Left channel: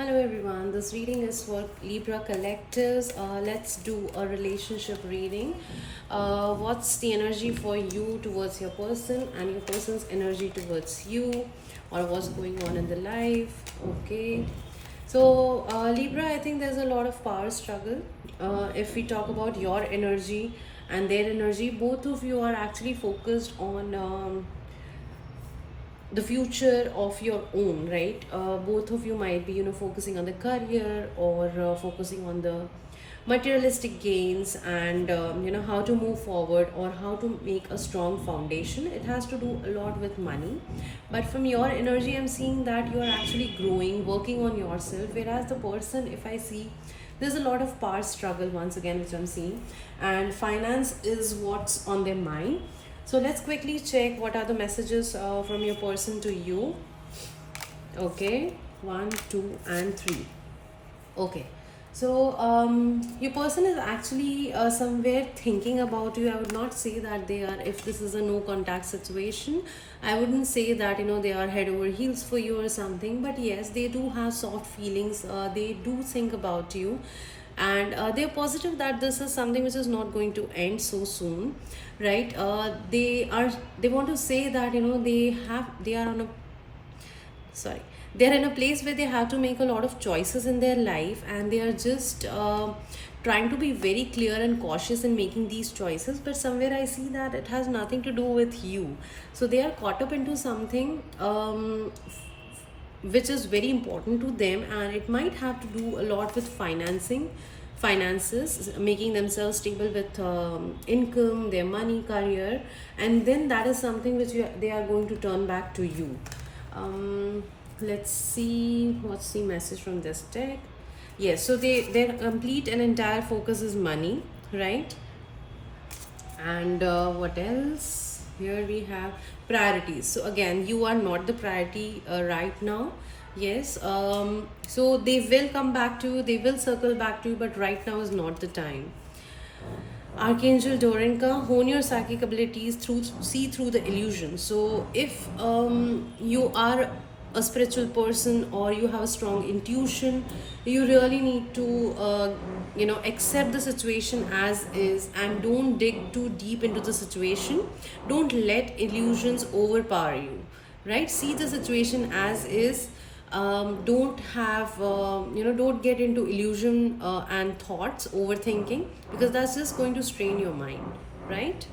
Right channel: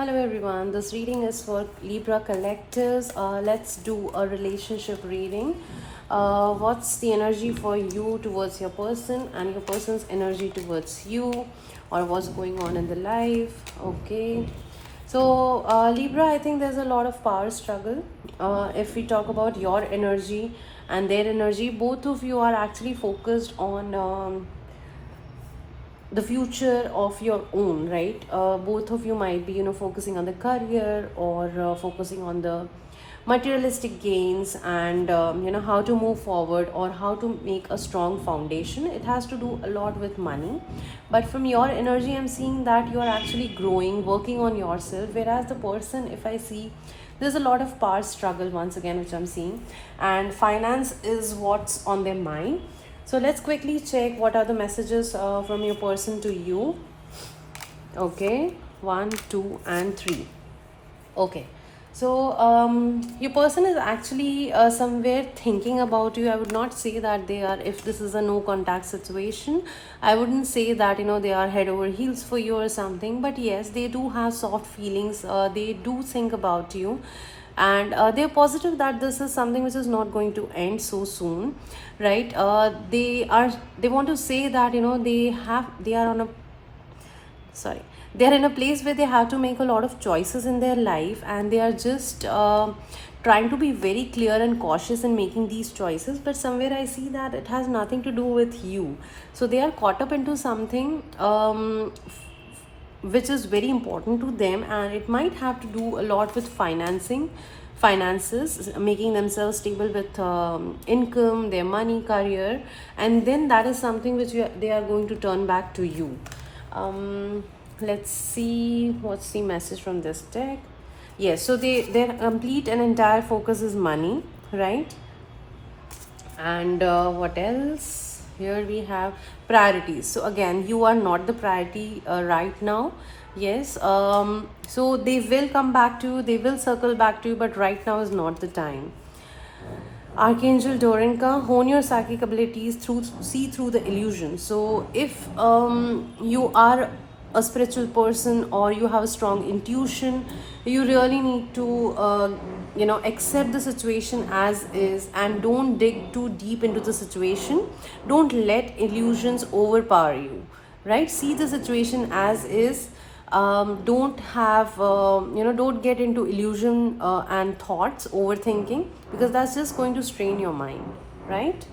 Hello everyone, this reading is for Libra collectives. Let's do a relationship reading. What's the energy for you towards your person and your person's energy towards you, or what's going on in the life? Okay. So, Libra, I think there's a lot of power struggle. If we talk about your energy and their energy, both of you are actually focused on the future of your own, right? Both of you might be focusing on the career, or focusing on the materialistic gains, and how to move forward or how to make a strong foundation. It has to do a lot with money, but from your energy I'm seeing that you are actually growing, working on yourself, whereas the person, if I see, there's a lot of power struggle once again which I'm seeing, and finance is what's on their mind. So let's quickly check what are the messages from your person to you. Okay, 1, 2, and 3. Okay, so your person is actually somewhere thinking about you. I would not say that they are, if this is a no contact situation, I wouldn't say that they are head over heels for you or something. But yes, they do have soft feelings. They do think about you, and they're positive that this is something which is not going to end so soon, right? They want to say that they are on a, sorry, they're in a place where they have to make a lot of choices in their life, and they are just trying to be very clear and cautious in making these choices. But somewhere I see that it has nothing to do with you, so they are caught up into something which is very important to them, and it might have to do a lot with finances, making themselves stable with income, their money, career, and then that is something which they are going to turn back to you. Let's see what's the message from this deck. Yes, so their complete and entire focus is money, right? And what else? Here we have priorities. So again, you are not the priority right now. Yes, so they will come back to you, they will circle back to you, but right now is not the time. Archangel Dorinka, hone your psychic abilities through, see through the illusion. So if you are a spiritual person, or you have a strong intuition, you really need to accept the situation as is, and don't dig too deep into the situation. Don't let illusions overpower you, right? See the situation as is. Don't have don't get into illusion and thoughts, overthinking, because that's just going to strain your mind, right?